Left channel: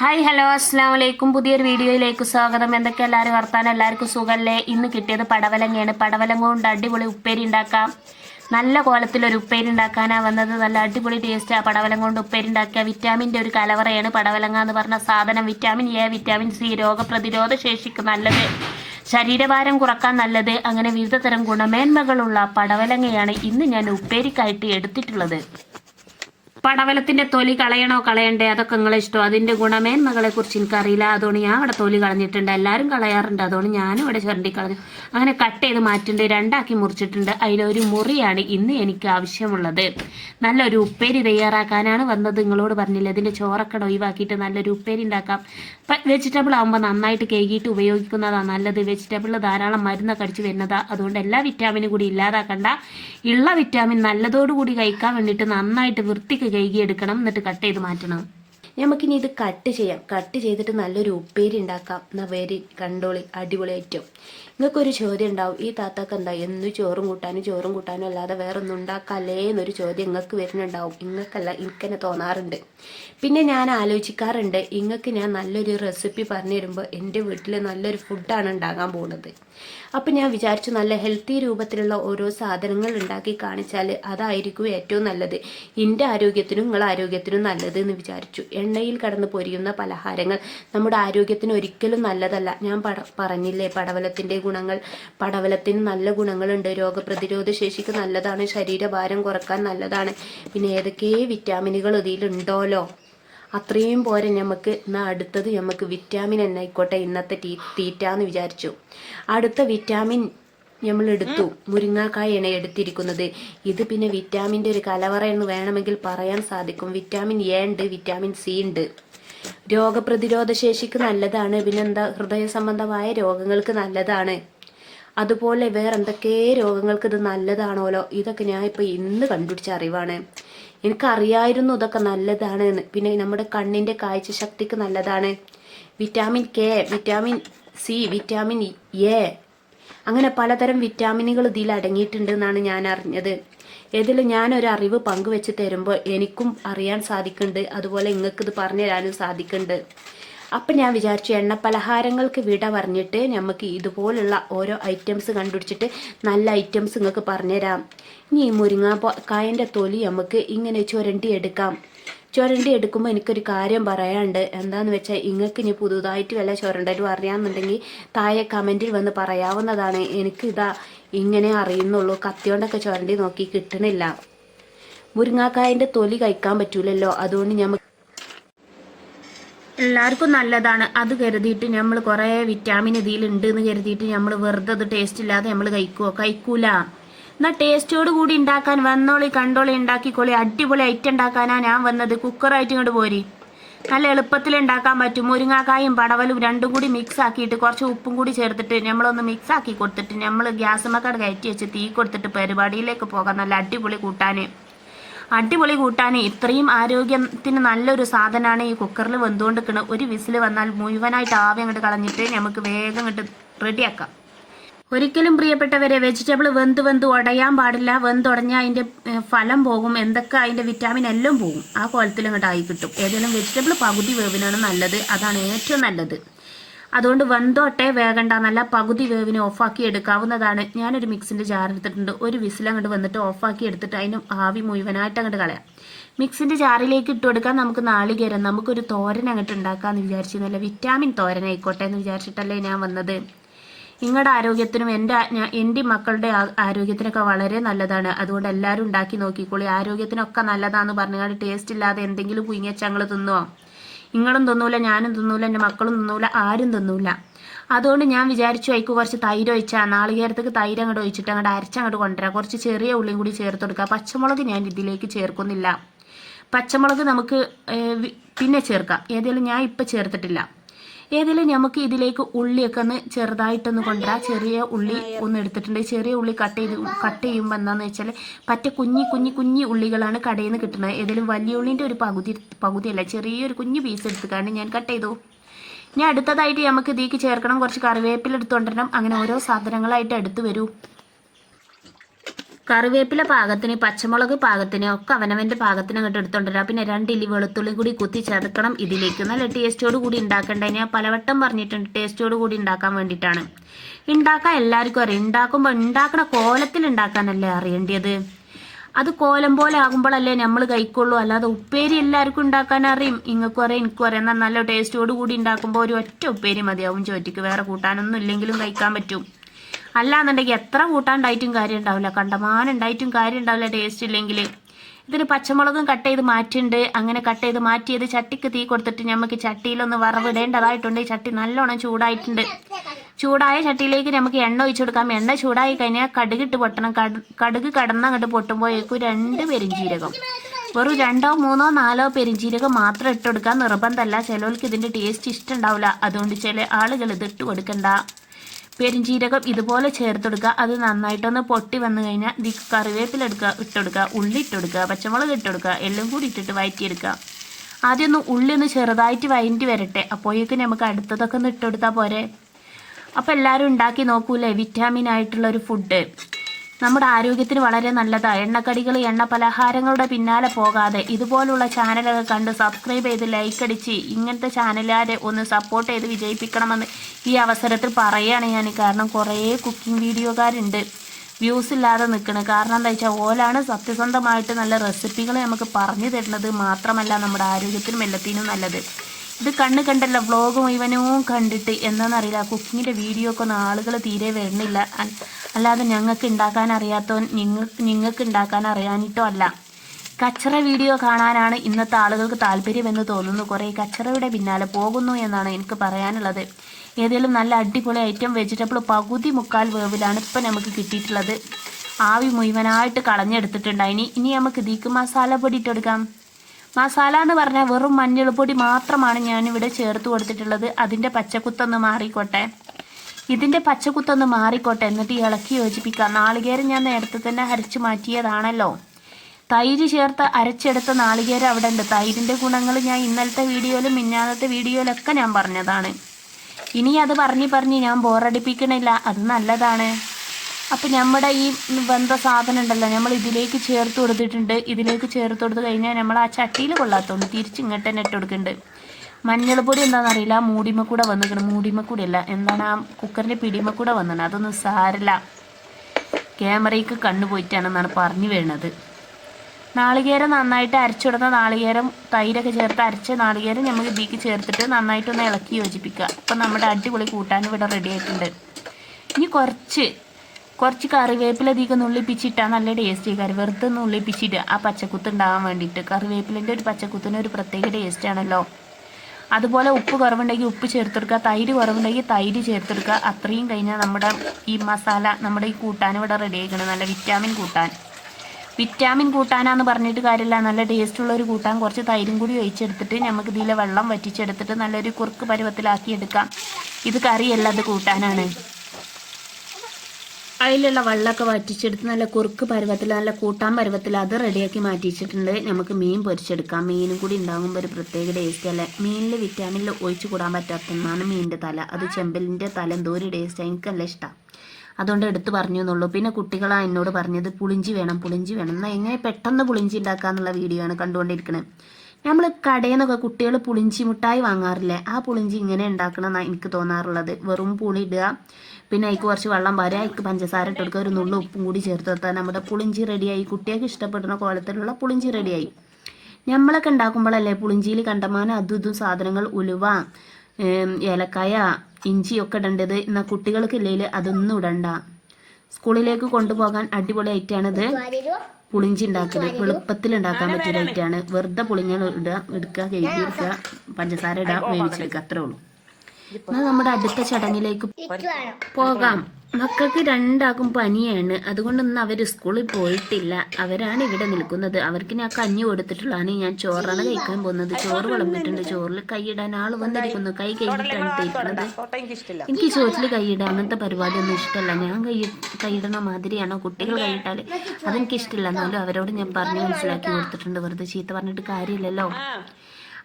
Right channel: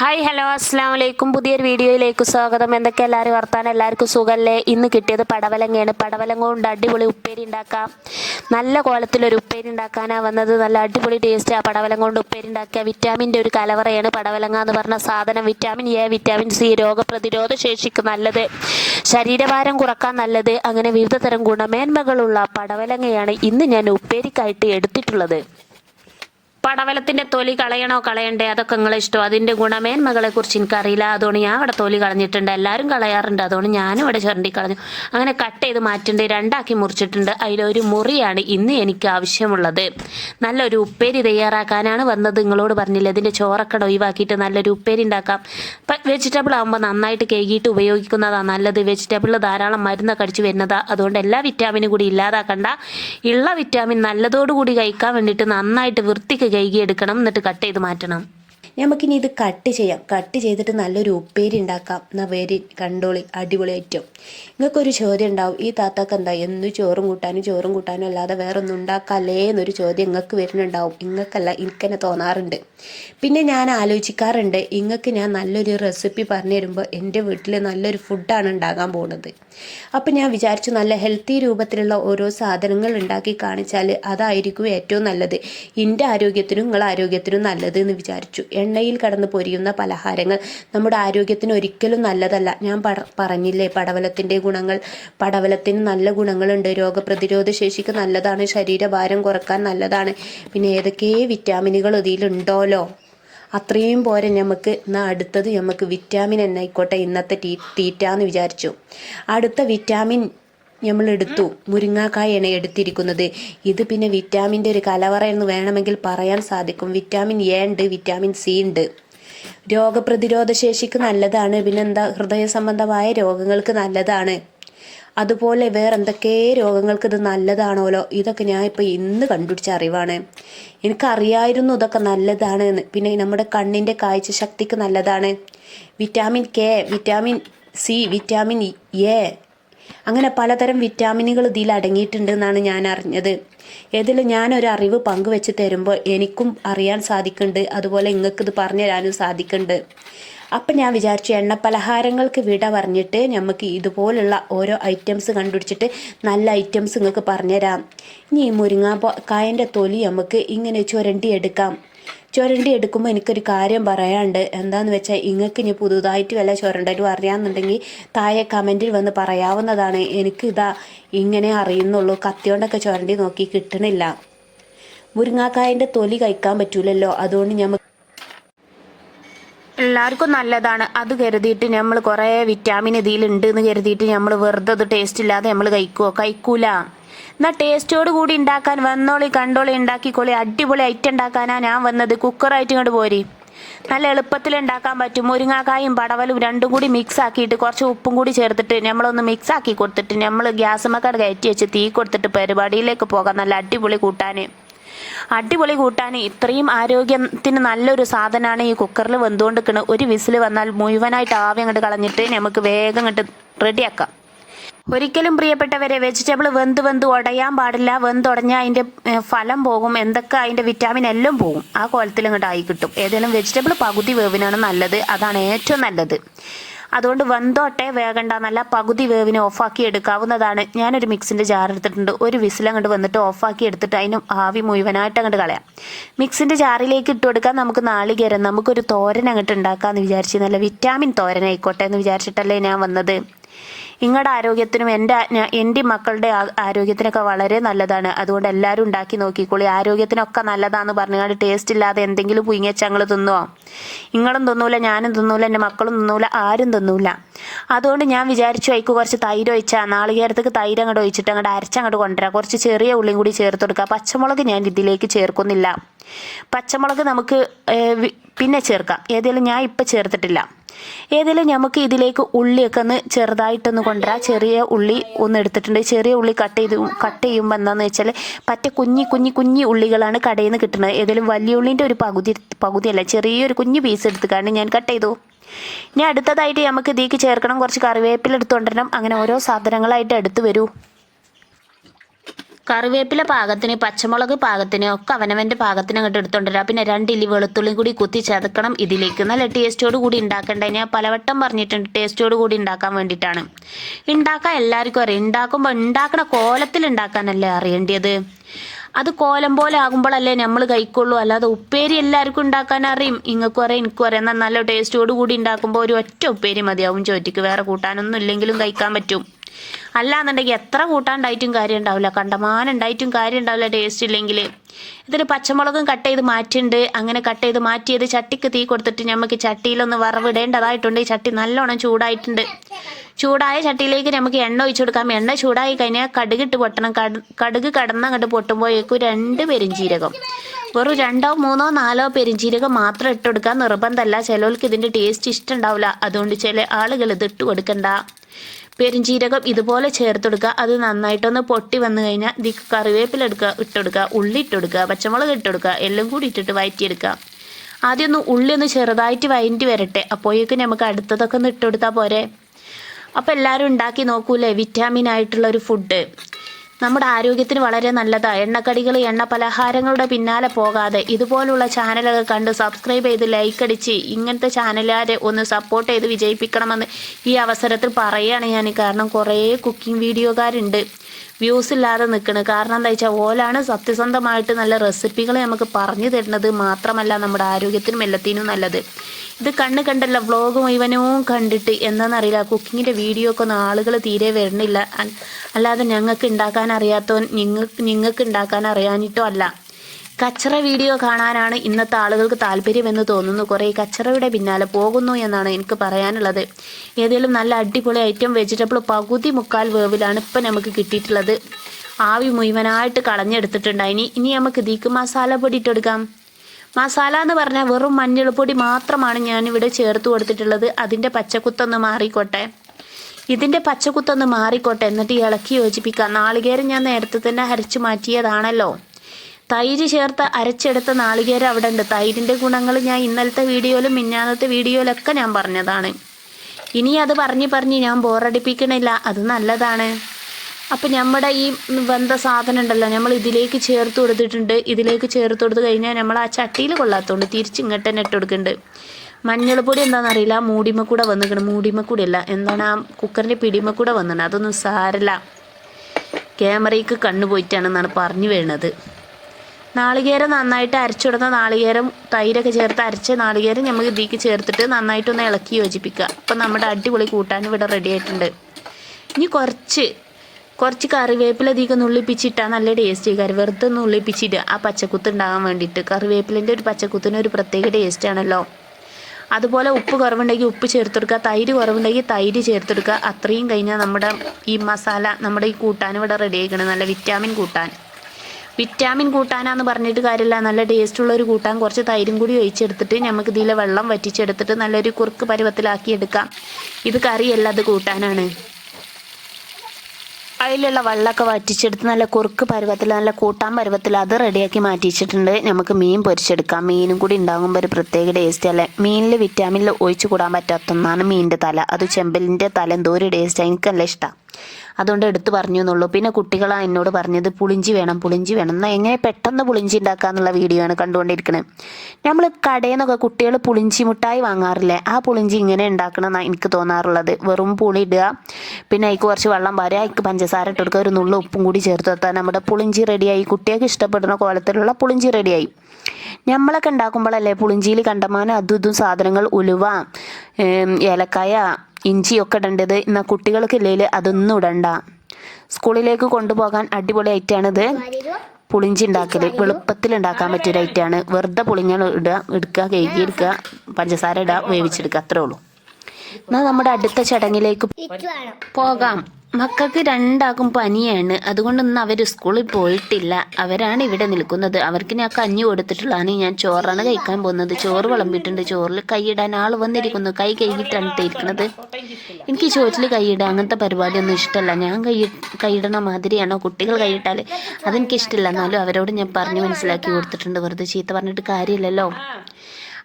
Hi hello അസ്സാം വലൈക്കും പുതിയൊരു വീഡിയോയിലേക്ക് സ്വാഗതം. എന്തൊക്കെ എല്ലാവരും വർത്താനം? എല്ലാവർക്കും സുഖമല്ലേ ഇന്ന് കിട്ടിയത് പടവലങ്ങയാണ്. പടവലങ്ങ കൊണ്ട് അടിപൊളി ഉപ്പേരി ഉണ്ടാക്കാം. നല്ല കോലത്തിലൊരു ഉപ്പേരി ഉണ്ടാക്കാനാണ് വന്നത്. നല്ല അടിപൊളി ടേസ്റ്റ് ആ പടവലം കൊണ്ട് ഉപ്പേരി ഉണ്ടാക്കുക വിറ്റാമിന്റെ ഒരു കലവറയാണ് പടവലങ്ങ എന്ന് പറഞ്ഞ സാധനം. വിറ്റാമിൻ എ വിറ്റാമിൻ സി രോഗപ്രതിരോധ ശേഷിക്ക് നല്ലത്. ശരീരഭാരം കുറയ്ക്കാൻ നല്ലത്. അങ്ങനെ വിവിധ തരം ഗുണമേന്മകളുള്ള പടവലങ്ങയാണ് ഇന്ന് ഞാൻ ഉപ്പേരിക്കായിട്ട് എടുത്തിട്ടുള്ളത്. പടവലത്തിന്റെ തൊലി കളയണോ കളയണ്ടേ? അതൊക്കെ നിങ്ങളെ ഇഷ്ടം. അതിന്റെ ഗുണമേന്മകളെ കുറിച്ച് എനിക്കറിയില്ല. അതുകൊണ്ട് ഞാൻ അവിടെ തൊലി കളഞ്ഞിട്ടുണ്ട്. എല്ലാവരും കളയാറുണ്ട്. അതുകൊണ്ട് ഞാനും ഇവിടെ ചെറുണ്ടി കളഞ്ഞു. അങ്ങനെ കട്ട് ചെയ്ത് മാറ്റിണ്ട്. രണ്ടാക്കി മുറിച്ചിട്ടുണ്ട്. അതിലൊരു മുറിയാണ് ഇന്ന് എനിക്ക് ആവശ്യമുള്ളത്. നല്ലൊരു ഉപ്പേരി തയ്യാറാക്കാനാണ് വന്നത്. നിങ്ങളോട് പറഞ്ഞില്ല ഇതിന്റെ ചോറക്കട ഒഴിവാക്കിയിട്ട് നല്ലൊരു ഉപ്പേരി ഉണ്ടാക്കാം. വെജിറ്റബിൾ ആകുമ്പോൾ നന്നായിട്ട് കേകിയിട്ട് ഉപയോഗിക്കുന്നതാണ് നല്ലത്. വെജിറ്റബിൾ ധാരാളം മരുന്നൊക്കെ അടിച്ച് വരുന്നതാ. അതുകൊണ്ട് എല്ലാ വിറ്റാമിനും കൂടി ഇല്ലാതാക്കണ്ട. ഉള്ള വിറ്റാമിൻ നല്ലതോടുകൂടി കഴിക്കാൻ വേണ്ടിയിട്ട് നന്നായിട്ട് വൃത്തിക്ക് കഴുകിയെടുക്കണം എന്നിട്ട് കട്ട് ചെയ്ത് മാറ്റണം. നമുക്കിനി ഇത് കട്ട് ചെയ്യാം. കട്ട് ചെയ്തിട്ട് നല്ലൊരു ഉപ്പേരി ഉണ്ടാക്കാം. എന്നാൽ വേരി കണ്ടോളി. അടിപൊളി ഐറ്റം. നിങ്ങൾക്കൊരു ചോദ്യം ഉണ്ടാവും ഈ താത്താക്ക് എന്താ? എന്ന് ചോറും കൂട്ടാനും ചോറും കൂട്ടാനും അല്ലാതെ വേറെ ഒന്നും ഉണ്ടാക്കാല്ലേ? എന്നൊരു ചോദ്യം നിങ്ങൾക്ക് വരുന്നുണ്ടാവും. നിങ്ങൾക്കല്ല എനിക്കെന്നെ തോന്നാറുണ്ട്. പിന്നെ ഞാൻ ആലോചിക്കാറുണ്ട് നിങ്ങൾക്ക് ഞാൻ നല്ലൊരു റെസിപ്പി പറഞ്ഞു തരുമ്പോൾ എന്റെ വീട്ടിൽ നല്ലൊരു ഫുഡാണ് ഉണ്ടാകാൻ പോകുന്നത് അപ്പം ഞാൻ വിചാരിച്ചു നല്ല ഹെൽത്തി രൂപത്തിലുള്ള ഓരോ സാധനങ്ങൾ ഉണ്ടാക്കി കാണിച്ചാൽ അതായിരിക്കും ഏറ്റവും നല്ലത്. എന്റെ ആരോഗ്യത്തിനും നിങ്ങളെ ആരോഗ്യത്തിനും നല്ലത് എന്ന് വിചാരിച്ചു. എണ്ണയിൽ കടന്ന് പൊരിയുന്ന പലഹാരങ്ങൾ നമ്മുടെ ആരോഗ്യത്തിന് ഒരിക്കലും നല്ലതല്ല. ഞാൻ പറഞ്ഞില്ലേ പടവലത്തിന്റെ ഗുണങ്ങൾ. പടവലത്തിന് നല്ല ഗുണങ്ങളുണ്ട്. രോഗപ്രതിരോധ ശേഷിക്ക് നല്ലതാണ്. ശരീരഭാരം കുറയ്ക്കാൻ നല്ലതാണ്. പിന്നെ ഏതൊക്കെ വിറ്റാമിനുകൾ ഇതിലുണ്ടോലോ? അത്രയും പോരെ നമുക്ക്. എന്നാൽ അടുത്തത് നമുക്ക് വിറ്റാമിൻ എന്നെ ആയിക്കോട്ടെ. ഇന്നത്തെ ടീ തീറ്റാന്ന് വിചാരിച്ചു. അടുത്ത വിറ്റാമിൻ നമ്മൾ എടുത്തു. മുരിങ്ങാക്കായാണ് എടുത്തിരിക്കുന്നത്. ഇത് പിന്നെ വിറ്റാമിന്റെ ഒരു കലവറ എന്ന് വേണമെങ്കിൽ പറയാൻ സാധിക്കും. വിറ്റാമിൻ എ ഉണ്ട് വിറ്റാമിൻ സി ഉണ്ട്. രോഗപ്രതിരോധ ശേഷിക്ക് നല്ലതാണ് പിന്നെ എന്താ ഹൃദയ സംബന്ധമായ രോഗങ്ങൾക്ക് നല്ലതാണ്. അതുപോലെ വേറെ എന്തൊക്കെ രോഗങ്ങൾക്ക് ഇത് നല്ലതാണോലോ ഇതൊക്കെ ഞാൻ ഇപ്പോൾ ഇന്ന് കണ്ടുപിടിച്ച അറിവാണ്. എനിക്കറിയായിരുന്നു ഇതൊക്കെ നല്ലതാണ് എന്ന് പിന്നെ നമ്മുടെ കണ്ണിന്റെ കാഴ്ച ശക്തിക്ക് നല്ലതാണ്. Vitamin K vitamin C vitamin A. അങ്ങനെ പലതരം വിറ്റാമിനുകൾ ഇതിൽ അടങ്ങിയിട്ടുണ്ട് എന്നാണ് ഞാൻ അറിഞ്ഞത്. ഏതിൽ ഞാനൊരു അറിവ് പങ്കുവെച്ച് തരുമ്പോൾ എനിക്കും അറിയാൻ സാധിക്കുന്നുണ്ട്. അതുപോലെ നിങ്ങൾക്ക് ഇത് പറഞ്ഞു തരാനും സാധിക്കുന്നുണ്ട്. അപ്പം ഞാൻ വിചാരിച്ചു എണ്ണ പലഹാരങ്ങൾക്ക് വിട പറഞ്ഞിട്ട് നമുക്ക് ഇതുപോലുള്ള ഓരോ ഐറ്റംസ് കണ്ടുപിടിച്ചിട്ട് നല്ല ഐറ്റംസ് നിങ്ങൾക്ക് പറഞ്ഞുതരാം. ഇനി ഈ മുരിങ്ങ കായന്റെ തൊലി നമുക്ക് ഇങ്ങനെ ചുരണ്ടി എടുക്കാം. ചുരണ്ടി എടുക്കുമ്പോൾ എനിക്കൊരു കാര്യം പറയാനുണ്ട്. എന്താണെന്ന് വെച്ചാൽ ഇങ്ങൾക്ക് ഇനി പുതുതായിട്ട് വല്ല ചുരണ്ടലും അറിയാമെന്നുണ്ടെങ്കിൽ താഴെ കമന്റിൽ വന്ന് പറയാവുന്നതാണ്. എനിക്കിതാ ഇങ്ങനെ അറിയുന്നുള്ളൂ. കത്തിയോണ്ടൊക്കെ ചുരണ്ടി നോക്കി കിട്ടണില്ല. മുരിങ്ങാക്കായന്റെ തൊലി കഴിക്കാൻ പറ്റൂലല്ലോ. അതുകൊണ്ട് ഞമ്മ എല്ലാവർക്കും നല്ലതാണ്. അത് കരുതിയിട്ട് നമ്മൾ കുറേ വിറ്റാമിൻ ഇതിലുണ്ട് എന്ന് കരുതിയിട്ട് നമ്മൾ വെറുതെ അത് ടേസ്റ്റ് ഇല്ലാതെ നമ്മൾ കഴിക്കുവോ? കഴിക്കൂല. എന്നാ ടേസ്റ്റോട് കൂടി ഉണ്ടാക്കാൻ വന്നോളി കണ്ടോളി ഉണ്ടാക്കിക്കോളി. അടിപൊളി ഐറ്റം ഉണ്ടാക്കാനാ ഞാൻ വന്നത്. കുക്കറായിട്ട് ഇങ്ങോട്ട് പോരി. നല്ല എളുപ്പത്തിൽ ഉണ്ടാക്കാൻ പറ്റും. മുരിങ്ങാക്കായും പടവലും രണ്ടും കൂടി മിക്സ് ആക്കിയിട്ട് കുറച്ച് ഉപ്പും കൂടി ചേർത്തിട്ട് നമ്മളൊന്ന് മിക്സ് ആക്കി കൊടുത്തിട്ട് നമ്മൾ ഗ്യാസ് മക്കാട് കയറ്റി വെച്ച് തീ കൊടുത്തിട്ട് പരിപാടിയിലേക്ക് പോകാം. നല്ല അടിപൊളി കൂട്ടാൻ അടിപൊളി കൂട്ടാൻ ഇത്രയും ആരോഗ്യത്തിന് നല്ലൊരു സാധനമാണ് ഈ കുക്കറിൽ വെന്തുകൊണ്ടിരിക്കുന്നത് ഒരു വിസിൽ വന്നാൽ മുഴുവനായിട്ട് ആവി അങ്ങോട്ട് കളഞ്ഞിട്ട് നമുക്ക് വേഗം അങ്ങോട്ട് റെഡിയാക്കാം ഒരിക്കലും പ്രിയപ്പെട്ടവരെ വെജിറ്റബിൾ വെന്ത് വെന്ത് ഉടയാൻ പാടില്ല. വെന്തുടഞ്ഞാൽ അതിന്റെ ഫലം പോകും. എന്തൊക്കെ അതിന്റെ വിറ്റാമിൻ എല്ലാം പോകും. ആ കോലത്തിൽ ഇങ്ങോട്ട് ആയി കിട്ടും. ഏതെങ്കിലും വെജിറ്റബിൾ പകുതി വേവിനാണ് നല്ലത്. അതാണ് ഏറ്റവും നല്ലത്. അതുകൊണ്ട് വെന്തോട്ടെ വേഗണ്ട. നല്ല പകുതി വേവിന് ഓഫാക്കി എടുക്കാവുന്നതാണ്. ഞാനൊരു മിക്സിന്റെ ജാർ എടുത്തിട്ടുണ്ട്. ഒരു വിസിൽ അങ്ങോട്ട് വന്നിട്ട് ഓഫാക്കി എടുത്തിട്ട് അതിന് ആവി മുഴുവനായിട്ട് അങ്ങോട്ട് കളയാം. മിക്സിന്റെ ജാറിലേക്ക് ഇട്ട് കൊടുക്കാൻ നമുക്ക് നാളികേരം നമുക്കൊരു തോരൻ അങ്ങോട്ട് ഉണ്ടാക്കാമെന്ന് വിചാരിച്ച് നല്ല വിറ്റാമിൻ തോരൻ ആയിക്കോട്ടെ എന്ന് വിചാരിച്ചിട്ടല്ലേ ഞാൻ വന്നത്. നിങ്ങളുടെ ആരോഗ്യത്തിനും എന്റെ എന്റെ മക്കളുടെ ആരോഗ്യത്തിനൊക്കെ വളരെ നല്ലതാണ്. അതുകൊണ്ട് എല്ലാവരും ഉണ്ടാക്കി നോക്കിക്കോളി. ആരോഗ്യത്തിനൊക്കെ നല്ലതാന്ന് പറഞ്ഞുകൊണ്ട് ടേസ്റ്റ് ഇല്ലാതെ എന്തെങ്കിലും പുയിങ്ങച്ച ഞങ്ങൾ തിന്നുവോ നിങ്ങളും തിന്നൂല ഞാനും തിന്നൂല എന്റെ മക്കളും തിന്നൂല ആരും തിന്നൂല. അതുകൊണ്ട് ഞാൻ വിചാരിച്ചു അതിക്ക് കുറച്ച് തൈര് ഒഴിച്ചാൽ നാളികേരത്തേക്ക് തൈര് അങ്ങോട്ട് ഒഴിച്ചിട്ട് അങ്ങോട്ട് അരച്ചങ്ങോട്ട് കൊണ്ടുവരാം. കുറച്ച് ചെറിയ ഉള്ളിയും കൂടി ചേർത്ത് കൊടുക്കുക പച്ചമുളക് ഞാൻ ഇതിലേക്ക് ചേർക്കുന്നില്ല. പച്ചമുളക് നമുക്ക് പിന്നെ ചേർക്കാം. ഏതെങ്കിലും ഞാൻ ഇപ്പം ചേർത്തിട്ടില്ല. ഏതെങ്കിലും നമുക്ക് ഇതിലേക്ക് ഉള്ളിയൊക്കെ ഒന്ന് ചെറുതായിട്ടൊന്ന് കൊണ്ടുവരാം. ചെറിയ ഉള്ളി ഒന്ന് എടുത്തിട്ടുണ്ട്. ചെറിയ ഉള്ളി കട്ട് ചെയ്ത് കട്ട് ചെയ്യുമ്പോൾ എന്താണെന്ന് വെച്ചാൽ പറ്റ കുഞ്ഞി കുഞ്ഞി കുഞ്ഞി ഉള്ളികളാണ് കടയിൽ നിന്ന് കിട്ടുന്നത്. ഏതെങ്കിലും വലിയ ഉള്ളിന്റെ ഒരു പകുതി പകുതിയല്ല ചെറിയൊരു കുഞ്ഞു പീസ് എടുത്തുകൊണ്ട് ഞാൻ കട്ട് ചെയ്തു. ഇനി അടുത്തതായിട്ട് നമുക്ക് ഇതിലേക്ക് ചേർക്കണം. കുറച്ച് കറിവേപ്പില എടുത്തുകൊണ്ടിരണം അങ്ങനെ ഓരോ സാധനങ്ങളായിട്ട് എടുത്തു വരൂ. കറിവേപ്പില പാകത്തിന് പച്ചമുളക് പാകത്തിന് ഒക്കെ അവനവന്റെ പാകത്തിന് അങ്ങോട്ട് എടുത്തോണ്ടിരാ. പിന്നെ രണ്ടില്ലി വെളുത്തുള്ളി കൂടി കുത്തി ചതക്കണം ഇതിലേക്ക്. നല്ല ടേസ്റ്റോട് കൂടി ഉണ്ടാക്കേണ്ടത് ഞാൻ പലവട്ടം പറഞ്ഞിട്ടുണ്ട് ടേസ്റ്റോട് കൂടി ഉണ്ടാക്കാൻ വേണ്ടിയിട്ടാണ് ഉണ്ടാക്കാൻ എല്ലാവർക്കും അറിയാം. ഉണ്ടാക്കുമ്പോൾ ഉണ്ടാക്കണ കോലത്തിൽ ഉണ്ടാക്കാനല്ലേ അറിയേണ്ടത് അത് കോലം പോലെ ആകുമ്പോഴല്ലേ നമ്മൾ കഴിക്കുള്ളൂ. അല്ലാതെ ഉപ്പേരി എല്ലാവർക്കും ഉണ്ടാക്കാൻ അറിയും. ഇങ്ങൾക്കും അറിയാം എനിക്കും അറിയാം. നല്ല ടേസ്റ്റോട് കൂടി ഉണ്ടാക്കുമ്പോൾ ഒരു ഒറ്റ ഉപ്പേരി മതിയാവും ചോറ്റിക്ക്. വേറെ കൂട്ടാനൊന്നും ഇല്ലെങ്കിലും കഴിക്കാൻ പറ്റും. അല്ലാന്നുണ്ടെങ്കിൽ എത്ര കൂട്ടാണ്ടായിട്ടും കാര്യം ഉണ്ടാവില്ല കണ്ടമാനം ഉണ്ടായിട്ടും കാര്യം ഉണ്ടാവില്ല ടേസ്റ്റ് ഇല്ലെങ്കിൽ ഇതിന് പച്ചമുളകും കട്ട് ചെയ്ത് മാറ്റിണ്ട്. അങ്ങനെ കട്ട് ചെയ്ത് മാറ്റിയത് ചട്ടിക്ക് തീ കൊടുത്തിട്ട് നമുക്ക് ചട്ടിയിലൊന്ന് വറവിടേണ്ടതായിട്ടുണ്ട്. ചട്ടി നല്ലോണം ചൂടായിട്ടുണ്ട്. ചൂടായ ചട്ടിയിലേക്ക് നമുക്ക് എണ്ണ ഒഴിച്ചു കൊടുക്കാം. എണ്ണ ചൂടായി കഴിഞ്ഞാൽ കടുകിട്ട് പൊട്ടണം. കടുക് കടുക് കടന്നങ്ങോട്ട് പൊട്ടുമ്പോഴേക്കും രണ്ട് പെരിഞ്ചീരകം. വെറും രണ്ടോ മൂന്നോ നാലോ പെരിഞ്ചീരകം മാത്രം ഇട്ടുകൊടുക്കാൻ നിർബന്ധമല്ല ചിലർക്ക് ഇതിന്റെ ടേസ്റ്റ് ഇഷ്ടമുണ്ടാവില്ല അതുകൊണ്ട് ചില ആളുകൾ ഇത് ഇട്ട് കൊടുക്കണ്ട. പെരിഞ്ചീരകം ഇതുപോലെ ചേർത്തെടുക്കുക. അത് നന്നായിട്ടൊന്ന് പൊട്ടി വന്നു കഴിഞ്ഞാൽ ഇതിക്ക് കറിവേപ്പില എടുക്കുക ഇട്ടെടുക്കുക ഉള്ളി ഇട്ടെടുക്കുക പച്ചമുളക് ഇട്ടെടുക്കുക എല്ലാം കൂടി ഇട്ടിട്ട് വഴറ്റിയെടുക്കുക ആദ്യം ഒന്ന് ഉള്ളി ഒന്ന് ചെറുതായിട്ട് വഴറ്റി വരട്ടെ. അപ്പോഴേക്കും നമുക്ക് അടുത്തതൊക്കെ ഒന്ന് ഇട്ടെടുത്താൽ പോരെ. അപ്പോൾ എല്ലാവരും ഉണ്ടാക്കി നോക്കൂലേ? വിറ്റാമിൻ ആയിട്ടുള്ള ഒരു ഫുഡ് നമ്മുടെ ആരോഗ്യത്തിന് വളരെ നല്ലതാണ് എണ്ണക്കടികൾ എണ്ണ പലഹാരങ്ങളുടെ പിന്നാലെ പോകാതെ ഇതുപോലുള്ള ചാനലുകൾ കണ്ട് സബ്സ്ക്രൈബ് ചെയ്ത് ലൈക്ക് അടിച്ച് ഇങ്ങനത്തെ ചാനലുകാരെ ഒന്ന് സപ്പോർട്ട് ചെയ്ത് വിജയിപ്പിക്കണമെന്ന് ഈ അവസരത്തിൽ പറയുകയാണ് ഞാൻ കാരണം കുറേ കുക്കിംഗ് വീഡിയോകാരുണ്ട് വ്യൂസ് ഇല്ലാതെ നിൽക്കുന്നത് കാരണം എന്താ വെച്ചാൽ ഓലാണ് സത്യസന്ധമായിട്ട് നല്ല റെസിപ്പികൾ നമുക്ക് പറഞ്ഞു തരുന്നത് മാത്രമല്ല നമ്മുടെ ആരോഗ്യത്തിനും എല്ലാത്തിനും നല്ലത്. ഇത് കണ്ണ് കണ്ടല്ല വ്ളോഗ് മുഴുവനും കണ്ടിട്ട്. എന്താണെന്നറിയില്ല കുക്കിങ്ങിന്റെ വീഡിയോ ഒക്കെ ഒന്നും ആളുകൾ തീരെ വരുന്നില്ല. അല്ലാതെ ഞങ്ങൾക്ക് ഉണ്ടാക്കാൻ അറിയാത്തോ നിങ്ങൾക്ക് നിങ്ങൾക്ക് ഉണ്ടാക്കാൻ അറിയാനിട്ടോ അല്ല. കച്ചറ വീഡിയോ കാണാനാണ് ഇന്നത്തെ ആളുകൾക്ക് താല്പര്യമെന്ന് തോന്നുന്നു. കുറേ കച്ചറയുടെ പിന്നാലെ പോകുന്നു എന്നാണ് എനിക്ക് പറയാനുള്ളത്. ഏതെങ്കിലും നല്ല അടിപൊളി ഐറ്റം വെജിറ്റബിൾ പകുതി മുക്കാൽ വേവിലാണ് ഇപ്പം നമുക്ക് കിട്ടിയിട്ടുള്ളത്. ആവി മുഴുവനായിട്ട് കളഞ്ഞെടുത്തിട്ടുണ്ടായി ഇനി ഇനി നമുക്ക് ദീക്ക് മസാല പൊടി ഇട്ടെടുക്കാം മസാല എന്ന് പറഞ്ഞാൽ വെറും മഞ്ഞൾപ്പൊടി മാത്രമാണ് ഞാനിവിടെ ചേർത്ത് കൊടുത്തിട്ടുള്ളത്. അതിന്റെ പച്ചക്കുത്തൊന്ന് മാറിക്കോട്ടെ. ഇതിന്റെ പച്ചക്കുത്തൊന്ന് മാറിക്കോട്ടെ. എന്നിട്ട് ഇളക്കി യോജിപ്പിക്കാം നാളികേരം ഞാൻ നേരത്തെ തന്നെ അരച്ചു മാറ്റിയതാണല്ലോ. തൈര് ചേർത്ത് അരച്ചെടുത്ത നാളികേരം അവിടെ ഉണ്ട് തൈരിന്റെ ഗുണങ്ങൾ ഞാൻ ഇന്നലത്തെ വീഡിയോയിലും മിന്നാന്നത്തെ വീഡിയോയിലൊക്കെ ഞാൻ പറഞ്ഞതാണ്. ഇനി അത് പറഞ്ഞ് പറഞ്ഞ് ഞാൻ ബോറടിപ്പിക്കണില്ല. അത് നല്ലതാണ്. അപ്പം നമ്മുടെ ഈ വെന്ത സാധനം ഉണ്ടല്ലോ നമ്മൾ ഇതിലേക്ക് ചേർത്ത് കൊടുത്തിട്ടുണ്ട്. ഇതിലേക്ക് ചേർത്ത് കൊടുത്ത് കഴിഞ്ഞാൽ നമ്മൾ ആ ചട്ടിയിൽ കൊള്ളാത്തതുകൊണ്ട് തിരിച്ച് ഇങ്ങോട്ട് തന്നെ ഇട്ട് കൊടുക്കുന്നുണ്ട് മഞ്ഞൾപ്പൊടി എന്താണെന്നറിയില്ല മൂടിമ കൂടെ വന്നിക്കണം. മൂടിമ കൂടെ അല്ല എന്താണ് ആ കുക്കറിന്റെ പിടിമ കൂടെ അതൊന്നും സാരല്ല. ക്യാമറയ്ക്ക് കണ്ണു പോയിട്ടാണെന്നാണ് പറഞ്ഞു വീണത്. നാളികേരം നന്നായിട്ട് അരച്ചുടുന്ന നാളികേരം തൈരൊക്കെ ചേർത്ത് അരച്ച നാളികേരം നമുക്ക് ഇതിലേക്ക് ചേർത്തിട്ട് നന്നായിട്ടൊന്ന് ഇളക്കി യോജിപ്പിക്കുക അപ്പം നമ്മുടെ അടിപൊളി കൂട്ടാൻ ഇവിടെ റെഡി ആയിട്ടുണ്ട്. ഇനി കുറച്ച് കുറച്ച് കറിവേപ്പില അധികം നുള്ളിപ്പിച്ചിട്ടാൽ നല്ല ടേസ്റ്റ് കറി വെറുതെ നുള്ളിപ്പിച്ചിട്ട് ആ പച്ചക്കുത്ത് ഉണ്ടാകാൻ വേണ്ടിയിട്ട് കറിവേപ്പിലിന്റെ ഒരു പച്ചക്കുത്തിന് ഒരു പ്രത്യേക ടേസ്റ്റ് ആണല്ലോ. അതുപോലെ ഉപ്പ് കുറവുണ്ടെങ്കിൽ ഉപ്പ് ചേർത്തെടുക്കുക. തൈര് കുറവുണ്ടെങ്കിൽ തൈര് ചേർത്തെടുക്കുക. അത്രയും കഴിഞ്ഞാൽ നമ്മുടെ ഈ മസാല നമ്മുടെ ഈ കൂട്ടാൻ ഇവിടെ റെഡി ആയിക്കണം. നല്ല വിറ്റാമിൻ കൂട്ടാൻ. വിറ്റാമിൻ കൂട്ടാനാന്ന് പറഞ്ഞിട്ട് കാര്യമില്ല. നല്ല ടേസ്റ്റുള്ള ഒരു കൂട്ടാൻ. കുറച്ച് തൈരും കൂടി ഒഴിച്ചെടുത്തിട്ട് നമുക്ക് ഇതിലെ വെള്ളം വറ്റിച്ചെടുത്തിട്ട് നല്ലൊരു കുറുക്ക് പരുവത്തിലാക്കി എടുക്കാം ഇത് കറിയല്ല അത് കൂട്ടാനാണ്. അതിലുള്ള വെള്ളമൊക്കെ വറ്റിച്ചെടുത്ത് നല്ല കുറുക്ക് പരുവത്തിൽ നല്ല കൂട്ടാൻ പരുവത്തിൽ അത് റെഡിയാക്കി മാറ്റിച്ചിട്ടുണ്ട് നമുക്ക് മീൻ പൊരിച്ചെടുക്കാം. മീനും കൂടി ഉണ്ടാകുമ്പോൾ ഒരു പ്രത്യേക ടേസ്റ്റ് അല്ലേ? മീനിൽ വിറ്റാമിനിൽ ഒഴിച്ചു കൂടാൻ പറ്റാത്ത ഒന്നാണ് മീനിന്റെ തല. അത് ചെമ്പലിന്റെ തല എന്തോ ഒരു ടേസ്റ്റ് എനിക്ക് നല്ല ഇഷ്ടമാണ് അതുകൊണ്ട് എടുത്തു പറഞ്ഞു എന്നുള്ളൂ. പിന്നെ കുട്ടികളാ എന്നോട് പറഞ്ഞത് പുളിഞ്ചി വേണം പുളിഞ്ചി വേണം. എന്നാൽ എങ്ങനെ പെട്ടെന്ന് പുളിഞ്ചി ഉണ്ടാക്കാന്നുള്ള വീഡിയോ ആണ് കണ്ടുകൊണ്ടിരിക്കുന്നത് നമ്മൾ കടയിൽ നിന്നൊക്കെ കുട്ടികൾ പുളിഞ്ചി മുട്ടായി വാങ്ങാറില്ലേ? ആ പുളിഞ്ചി ഇങ്ങനെ ഉണ്ടാക്കണം എന്നാണ് എനിക്ക് തോന്നാറുള്ളത്. വെറും പുളി ഇടുക പിന്നെ അതിക്ക് കുറച്ച് വെള്ളം വരെ അതിക്ക് പഞ്ചസാര ഇട്ട് കൊടുക്കുക ഒരു നുള്ള ഉപ്പും കൂടി ചേർത്ത് വെത്താൽ നമ്മുടെ പുളിഞ്ചി റെഡിയായി കുട്ടികൾക്ക് ഇഷ്ടപ്പെടുന്ന കോലത്തിലുള്ള പുളിഞ്ചി റെഡിയായി നമ്മളൊക്കെ ഉണ്ടാക്കുമ്പോഴല്ലേ പുളിഞ്ചിയിൽ കണ്ടമാനം അതും ഇതും സാധനങ്ങൾ ഉലുവ ഏലക്കായ ഇഞ്ചിയൊക്കെ ഇടേണ്ടത് എന്നാൽ കുട്ടികൾക്ക് ഇല്ലെങ്കിൽ അതൊന്നും ഇടണ്ട. സ്കൂളിലേക്ക് കൊണ്ടുപോകാൻ അടിപൊളി ഐറ്റാണിത് പുളിഞ്ചി ഉണ്ടാക്കൽ എളുപ്പത്തിൽ ഉണ്ടാക്കാൻ പറ്റിയ ഒരു ഐറ്റാണ് വെറുതെ പുളിഞ്ഞ ഇടുക എടുക്കുക കഴുകി എടുക്കുക പഞ്ചസാര ഇടുക വേവിച്ചെടുക്കുക. അത്രേ ഉള്ളൂ. എന്നാൽ നമ്മുടെ അടുത്ത ചടങ്ങിലേക്ക് പോകാം. മക്കൾക്ക് രണ്ടാക്കും പനിയാണ്. അതുകൊണ്ടൊന്നും അവർ സ്കൂളിൽ പോയിട്ടില്ല. അവരാണ് ഇവിടെ നിൽക്കുന്നത്. അവർക്ക് ഞാൻ കഞ്ഞി കൊടുത്തിട്ടുള്ളതാണ് ഞാൻ ചോറാണ് കഴിക്കാൻ പോകുന്നത്. ചോറ് വിളമ്പിട്ടുണ്ട് ചോറിൽ കൈയിടാൻ ആൾ വന്നിരിക്കുന്നു. കൈ കൈയിട്ടാണ് ഇരിക്കുന്നത്. എനിക്ക് ചോറ്റിൽ കൈയിടാൻ അങ്ങനത്തെ പരിപാടിയൊന്നും ഇഷ്ടമല്ല. ഞാൻ കൈ കൈയിടണ മാതിരിയാണോ? കുട്ടികൾ കൈയിട്ടാൽ അതെനിക്ക് ഇഷ്ടമില്ല. എന്നാലും അവരോട് ഞാൻ പറഞ്ഞ് മനസ്സിലാക്കി കൊടുത്തിട്ടുണ്ട്. വെറുതെ ചീത്ത പറഞ്ഞിട്ട് കാര്യമില്ലല്ലോ.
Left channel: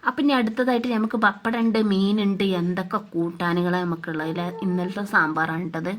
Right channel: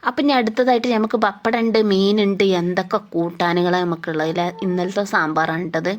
അപ്പം ഇനി അടുത്തതായിട്ട് നമുക്ക് പപ്പടമുണ്ട് മീനുണ്ട് എന്തൊക്കെ കൂട്ടാനുകളാണ് നമുക്കുള്ളത് ഇന്നലത്തെ സാമ്പാറാണ് ഇട്ടത്.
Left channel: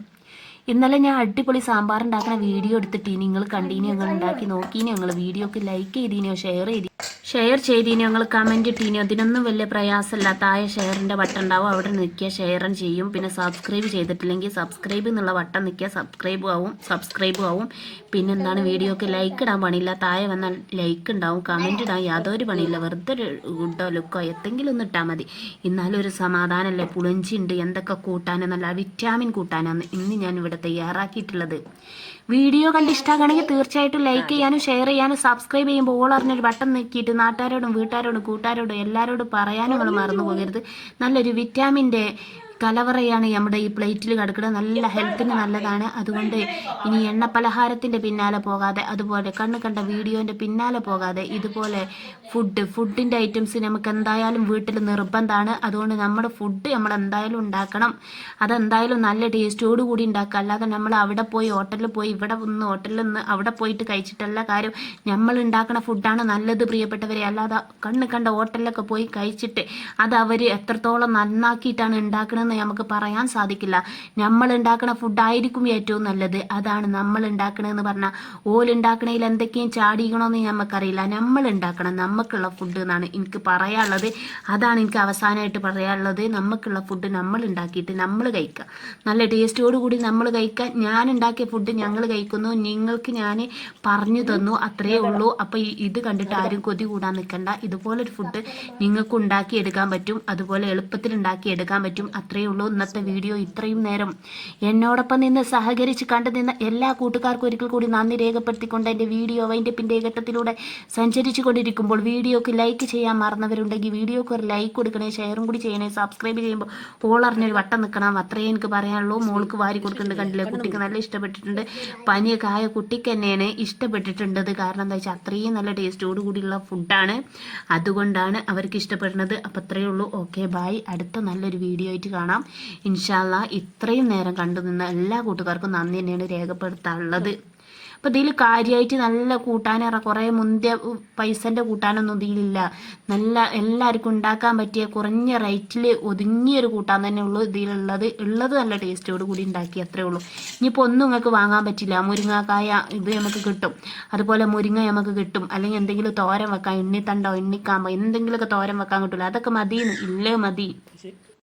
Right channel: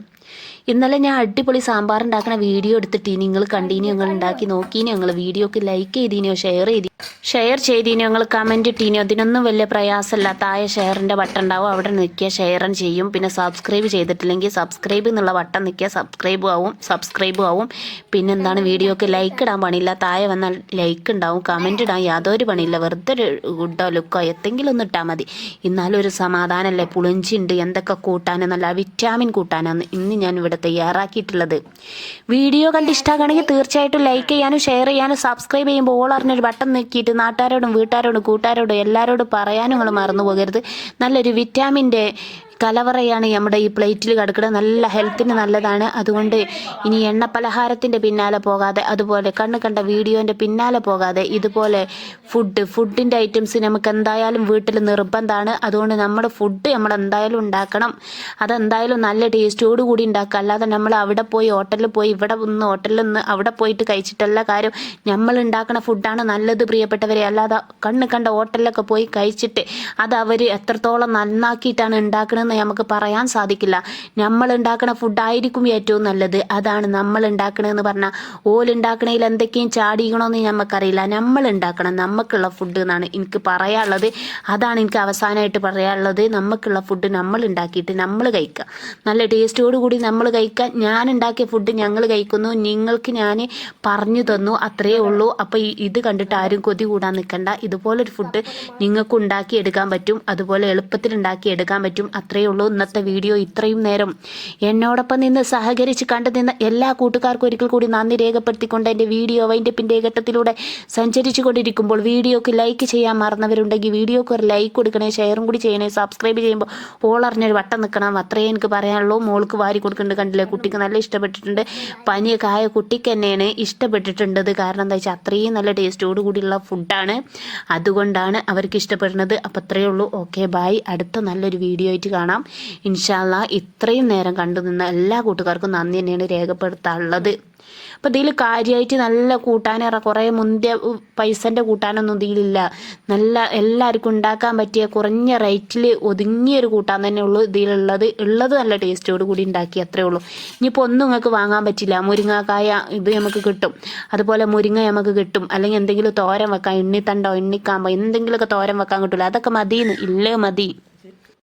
ഇന്നലെ ഞാൻ അടിപൊളി സാമ്പാർ ഉണ്ടാക്കുന്ന വീഡിയോ എടുത്തിട്ട് നിങ്ങൾ കണ്ടീനി ഞങ്ങൾ ഉണ്ടാക്കി നോക്കീനി ഞങ്ങൾ വീഡിയോക്ക് ലൈക്ക് ചെയ്തിനോ ഷെയർ ചെയ്തി ഷെയർ ചെയ്തിനോ ഞങ്ങൾ കമന്റ് ഇട്ടീനോ? അതിനൊന്നും വലിയ പ്രയാസമില്ല. താഴെ ഷെയറിന്റെ ബട്ടൺ ഉണ്ടാവും. അവിടെ നിൽക്കുക ഷെയറും ചെയ്യും. പിന്നെ സബ്സ്ക്രൈബ് ചെയ്തിട്ടില്ലെങ്കിൽ സബ്സ്ക്രൈബ് എന്നുള്ള ബട്ടൺ നിൽക്കുക സബ്സ്ക്രൈബ് ആവും സബ്സ്ക്രൈബ് ആവും. പിന്നെ എന്താണ് വീഡിയോക്ക് ലൈക്ക് ഇടാൻ പണിയില്ല. താഴെ വന്നാൽ ലൈക്ക് ഉണ്ടാവും. കമന്റ് ഇടാൻ യാതൊരു പണിയില്ല. വെറുതെ ഗുഡോ ലുക്കോ എന്തെങ്കിലും ഒന്ന് ഇട്ടാൽ മതി. എന്നാലും ഒരു സമാധാനമല്ലേ പുളിഞ്ചിണ്ട് എന്തൊക്കെ കൂട്ടാനോ? നല്ല വിറ്റാമിൻ കൂട്ടാനാണ് ഇന്ന് ഞാൻ ഇവിടെ തയ്യാറാക്കിയിട്ടുള്ളത്. വീഡിയോ കണ്ട് ഇഷ്ടമാണെങ്കിൽ തീർച്ചയായിട്ടും ലൈക്ക് ചെയ്യാനും ഷെയർ ചെയ്യാനും സബ്സ്ക്രൈബ് ചെയ്യുമ്പോൾ ഓൾ അറിഞ്ഞൊരു ബട്ടൺ നെക്കിയിട്ട് നാട്ടുകാരോടും വീട്ടുകാരോടും കൂട്ടുകാരോടും എല്ലാവരോടും പറയാനും നിങ്ങൾ മറന്നു പോകരുത്. നല്ലൊരു വിറ്റാമിന്റെ കലവറയാണ് നമ്മുടെ ഈ പ്ലേറ്റിൽ കിടക്കുന്നത്. നല്ല ഹെൽത്തിന് നല്ലതാണ്. അതുകൊണ്ട് ഇനി എണ്ണ പലഹാരത്തിന്റെ പിന്നാലെ പോകാതെ അതുപോലെ കണ്ണ് കണ്ട വീഡിയോന്റെ പിന്നാലെ പോകാതെ ഇതുപോലെ ഫുഡ് ഫുഡിന്റെ ഐറ്റംസ് നമുക്ക് എന്തായാലും വീട്ടിൽ നിർബന്ധമാണ്. അതുകൊണ്ട് നമ്മുടെ ഫുഡ് നമ്മൾ എന്തായാലും ഉണ്ടാക്കണം. അതെന്തായാലും നല്ല ടേസ്റ്റോട് കൂടി ഉണ്ടാക്കുക. അല്ലാതെ നമ്മൾ അവിടെ പോയി ഹോട്ടലിൽ പോയി ഇവിടെ നിന്ന് ഹോട്ടലിൽ നിന്ന് അവിടെ പോയിട്ട് കഴിച്ചിട്ടല്ല കാര്യം. നമ്മൾ ഉണ്ടാക്കുന്ന ഫുഡാണ് നല്ലത് പ്രിയപ്പെട്ടവരെ. അല്ലാതെ കണ്ണ് കണ്ട ഹോട്ടലിലൊക്കെ പോയി കഴിച്ചിട്ട് അത് അവർ എത്രത്തോളം നന്നാക്കിയിട്ടാണ് ഉണ്ടാക്കണമെന്ന് നമുക്ക് പറയാൻ സാധിക്കില്ല. നമ്മൾ ഉണ്ടാക്കുന്ന ഫുഡായിരിക്കും ഏറ്റവും നല്ലത്. അതാണ് നമ്മൾ ഉണ്ടാക്കണമെന്ന് പറഞ്ഞാൽ ഓലുണ്ടാക്കണതിൽ എന്തൊക്കെയും ചാടിക്കണമെന്ന് നമുക്കറിയില്ല നമ്മൾ ഉണ്ടാക്കണം നമുക്കുള്ള ഫുഡ് എന്നാണ് എനിക്ക് പറയാനുള്ളത്. അതാണ് എനിക്ക് അവസാനമായിട്ട് പറയാനുള്ളത്. നമുക്കുള്ള ഫുഡ് നമ്മൾ ഉണ്ടാക്കിയിട്ട് നമ്മൾ കഴിക്കുക നല്ല ടേസ്റ്റോടു കൂടി നമ്മൾ കഴിക്കുക ഞാൻ ഉണ്ടാക്കിയ ഫുഡ് ഞങ്ങൾ കഴിക്കുന്നു. നിങ്ങൾക്ക് ഞാൻ പറഞ്ഞു തന്നു. അത്രയേ ഉള്ളൂ. അപ്പോൾ ഇത് കണ്ടിട്ട് ആരും കൊതി കൂടാൻ നിൽക്കണ്ട ഇതുപോലൊരു ഫുഡ് നിങ്ങൾക്ക് ഉണ്ടാക്കി എടുക്കാൻ പറ്റും. അതുപോലെ എളുപ്പത്തിൽ ഉണ്ടാക്കി എടുക്കാൻ പറ്റും അത്രയേ ഉള്ളൂ. ഇന്നത്തെ വീഡിയോ ഇത്രയും നേരം എന്നോടൊപ്പം നിന്ന് സഹകരിച്ച് കണ്ടു നിന്ന എല്ലാ കൂട്ടുകാർക്കും ഒരിക്കൽ കൂടി നന്ദി രേഖപ്പെടുത്തിക്കൊണ്ട് എന്റെ വീഡിയോ വൈൻഡപ്പിന്റെ ഘട്ടത്തിലൂടെ സഞ്ചരിച്ചു കൊണ്ടിരിക്കുമ്പോൾ വീഡിയോക്ക് ലൈക്ക് ചെയ്യാൻ മറന്നവരുണ്ടെങ്കിൽ വീഡിയോക്ക് ഒരു ലൈക്ക് കൊടുക്കണേ ഷെയറും കൂടി ചെയ്യണേ സബ്സ്ക്രൈബ് ചെയ്യുമ്പോൾ ഓളറിഞ്ഞൊരു വട്ടം നിൽക്കണം. അത്രയേ എനിക്ക് പറയാനുള്ളൂ. മോൾക്ക് വാരി കൊടുക്കുന്നുണ്ട് കണ്ടില്ലേ? കുട്ടിക്ക് നല്ല ഇഷ്ടപ്പെട്ടിട്ടുണ്ട്. പനിയൊക്കെ ആയ കുട്ടിക്ക് തന്നെയാണ് ഇഷ്ടപ്പെട്ടിട്ടുണ്ടത്. കാരണം എന്താ വെച്ചാൽ അത്രയും നല്ല ടേസ്റ്റോട് കൂടിയുള്ള ഫുഡാണ് അതുകൊണ്ടാണ് അവർക്ക് ഇഷ്ടപ്പെടുന്നത്. അപ്പോൾ അത്രയേ ഉള്ളൂ. ഓക്കെ ബായ് അടുത്ത നല്ലൊരു വീഡിയോ ആയിട്ട് കാണാം. ഇൻഷാല്ല ഇത്രയും നേരം കണ്ടു നിന്ന എല്ലാ കൂട്ടുകാർക്കും നന്ദി തന്നെയാണ് രേഖപ്പെടുത്താനുള്ളത്. അപ്പം ഇതിൽ കാര്യമായിട്ട് നല്ല കൂട്ടാനേറെ കുറേ മുന്തിയ പൈസന്റെ കൂട്ടാനൊന്നും ഇതിലില്ല. നല്ല എല്ലാവർക്കും ഉണ്ടാക്കാൻ പറ്റിയ കുറഞ്ഞ റേറ്റിൽ ഒതുങ്ങിയൊരു കൂട്ടാൻ തന്നെ ഉള്ളൂ ഇതിലുള്ളത്. ഉള്ളത് നല്ല ടേസ്റ്റോട് കൂടി ഉണ്ടാക്കി അത്രേ ഉള്ളൂ. ഇനിയിപ്പോൾ ഒന്നും നിങ്ങൾക്ക് വാങ്ങാൻ പറ്റില്ല. മുരിങ്ങാക്കായ ഇത് നമുക്ക് കിട്ടും. അതുപോലെ മുരിങ്ങ നമുക്ക് കിട്ടും. അല്ലെങ്കിൽ എന്തെങ്കിലും തോരം വെക്കാം. എണ്ണിത്തണ്ടോ എണ്ണിക്കാമ്പോ എന്തെങ്കിലുമൊക്കെ തോരം വെക്കാൻ കിട്ടില്ല അതൊക്കെ മതിയെന്ന് ഇല്ലേ മതി.